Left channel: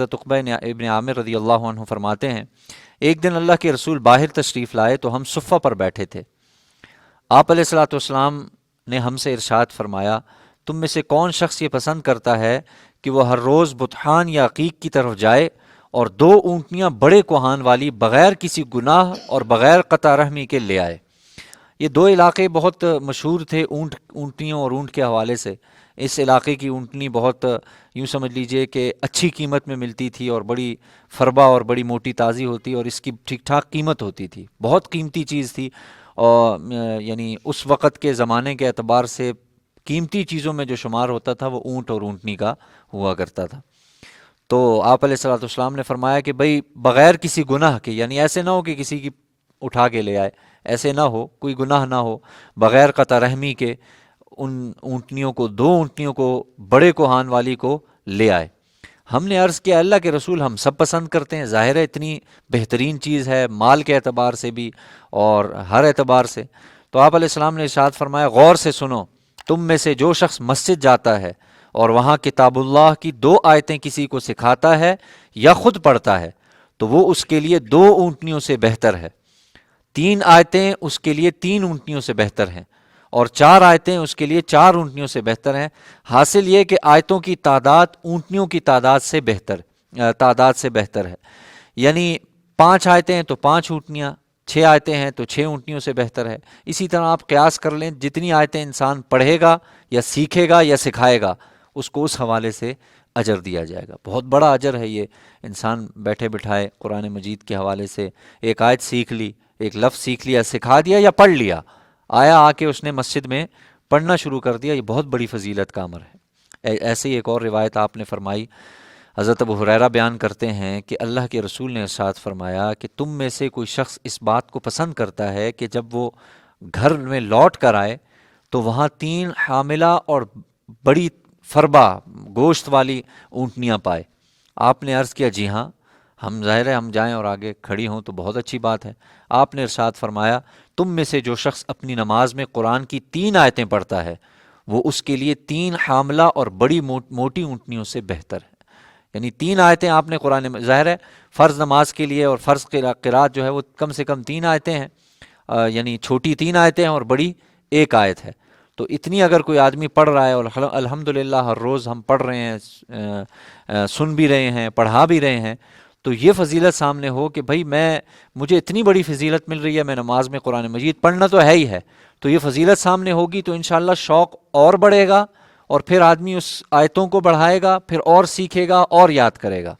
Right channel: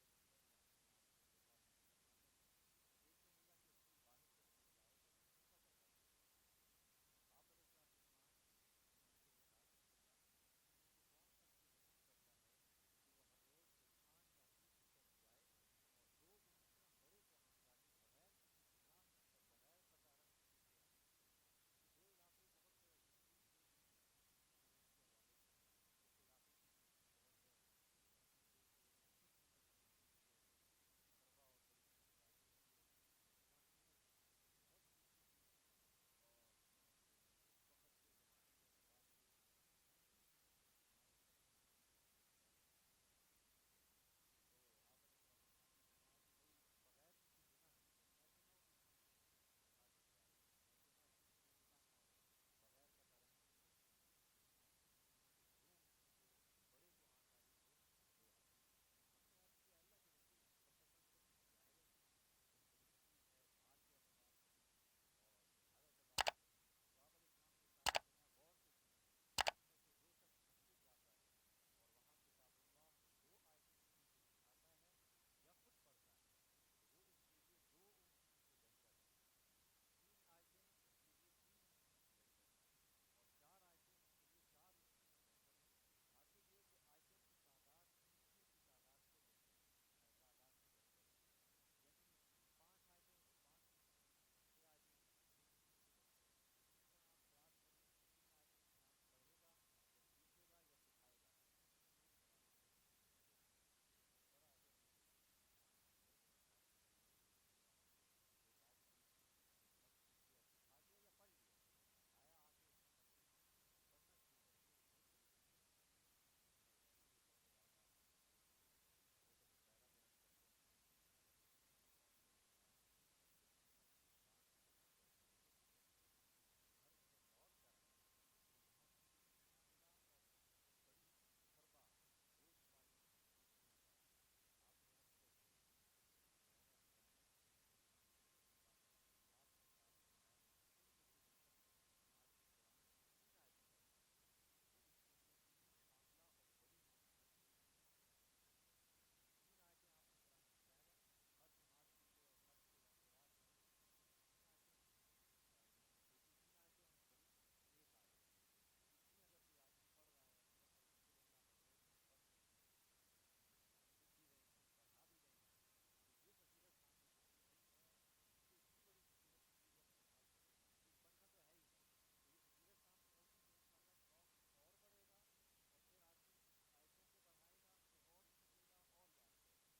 حضرت عقبہ ابن عامر رضی اللہ عنہ فرماتے ہیں ایک دن اللہ کے رسول باہر تشریف لائے تو ہم صفہ پر بیٹھے تھے۔ آپ علیہ الصلوۃ والسلام نے ہم سے ارشاد فرمایا تم میں سے کون شخص یہ پسند کرتا ہے کہ وہ ہر روز بطحان یا عقیق کی طرف جائے اور 2 اونٹنیاں بڑے کوہان والی بغیر کسی گناہ اور بغیر قطع رحمی کے لے آئے۔ یہ 2 علاقے بہت مشہور تھے اونٹنیوں اور اونٹ کے حوالے سے۔ اس علاقے کی اونٹنی بہت یوں سمجھ لیجئے کہ اچھی قیمت میں ملتی تھی اور بڑی فربا اور بڑی موٹی تازی ہوتی اور اس کی ٹھیک ٹھاک قیمت ہوتی تھی، بہت قیمتی چیز تھی۔ اور یعنی اس وقت کے زمانے کے اعتبار سے قیمتی چیزوں میں جو شمار ہوتا تھا وہ اونٹ اور اونٹنی کا ہوا کرتا تھا۔ تو آپ علیہ الصلوۃ والسلام نے فرمایا کہ بھئی بغیر کسی گناہ کے، یعنی ایسے نہ ہو کہ کسی کی اٹھا کے لے آئے، ایسے نہ ہو، کوئی گناہ نہ ہو، بغیر قطع رحمی کے ان اونٹنیوں کو 2 اونٹنیوں کو بڑے کوہان والی کو لے آئے۔ ہم نے عرض کیا اللہ کے رسول ہم سب پسند کرتے ہیں، ظاہر ہے اتنی بہترین چیز ہے مال کے اعتبار سے بھی اور ہر اعتبار سے۔ تو آپ علیہ السلام نے ارشاد فرمایا غور سے سنو، تم میں سے جو شخص مسجد جاتا ہے اور وہاں کتاب اللہ کی 2 آیتیں کسی کو سکھاتا ہے یا خود پڑھتا ہے تو وہ اس کے لیے 2 اونٹنیوں سے بہتر ہے، 3 آیتیں اس کے لیے 3 اونٹنیوں سے بہتر ہیں، اور 4 آیتیں اس کے لیے 4 اونٹنیوں سے بہتر ہیں۔ حاصل یہ کہ آیتوں کی تعداد اونٹنیوں کی تعداد سے بہتر ہے، یعنی 5 آیتیں ہیں تو 5 اونٹنیاں، 6 آیتیں ہیں تو 6 اونٹنیوں سے بہتر ہے۔ اسی طرح آپ قیاس کر لیں، جتنی آیتیں انسان پڑھے گا یا سیکھے گا یا سکھائے گا اس کو اس حوالے سے اجر دیا جائے گا۔ بہت بڑا اجر ہے یہ، انسان بیٹھے بٹھائے قرآن مجید کے حوالے سے ایک آیت سیکھ لی، ایک لفظ سیکھ لیا، سکھا دیا یا پڑھ لیا، آیا آ کے اس نے مسجد میں پڑھنا شروع کر دیا، یہ بہت بڑی فضیلت کا امر ہے۔ ایسے ہی ایک اور روایت آپ نے فرمائی، حضرت ابو ہریرہ بیان کرتے ہیں کہ اللہ کے رسول نے ارشاد فرمایا کہ تم میں سے کوئی شخص اس بات کو پسند کرتا ہے کہ جب وہ گھر میں لوٹ کر آئے تو وہاں 3 حاملہ اور بڑی فربا گوشت والی اونٹنیاں پائے۔ آپ نے عرض کیا جی ہاں، ہم ظاہر ہے ہم جائیں اور آگے کھڑی ہوں تو بہت اچھی بات ہے۔ آپ نے ارشاد فرمایا تم میں سے جو شخص اپنی نماز میں قرآن کی 3 آیتیں پڑھتا ہے وہ اس کے لیے 3 حاملہ اور بڑی موٹی اونٹنیوں سے بہتر ہے۔ یعنی 3 آیتیں آپ نے قرآن میں، ظاہر ہے فرض نماز کے لیے اور فرض قرات جو ہے وہ کم سے کم 3 آیتیں ہیں، یعنی چھوٹی 3 آیتیں ہیں اور بڑی 1 آیت ہے۔ تو اتنی اگر کوئی آدمی پڑھ رہا ہے اور الحمدللہ ہر روز ہم پڑھ رہے ہیں، سن بھی رہے ہیں، پڑھا بھی رہے ہیں، تو یہ فضیلت سامنے ہو کہ بھائی مجھے اتنی بڑی فضیلت مل رہی ہے، میں نماز میں قرآن مجید پڑھنا تو ہے ہی ہے، تو یہ فضیلت سامنے ہوگی تو انشاءاللہ شوق اور بڑھے گا اور پھر آدمی اس آیتوں کو بڑھائے گا، پھر اور سیکھے گا اور یاد کرے گا۔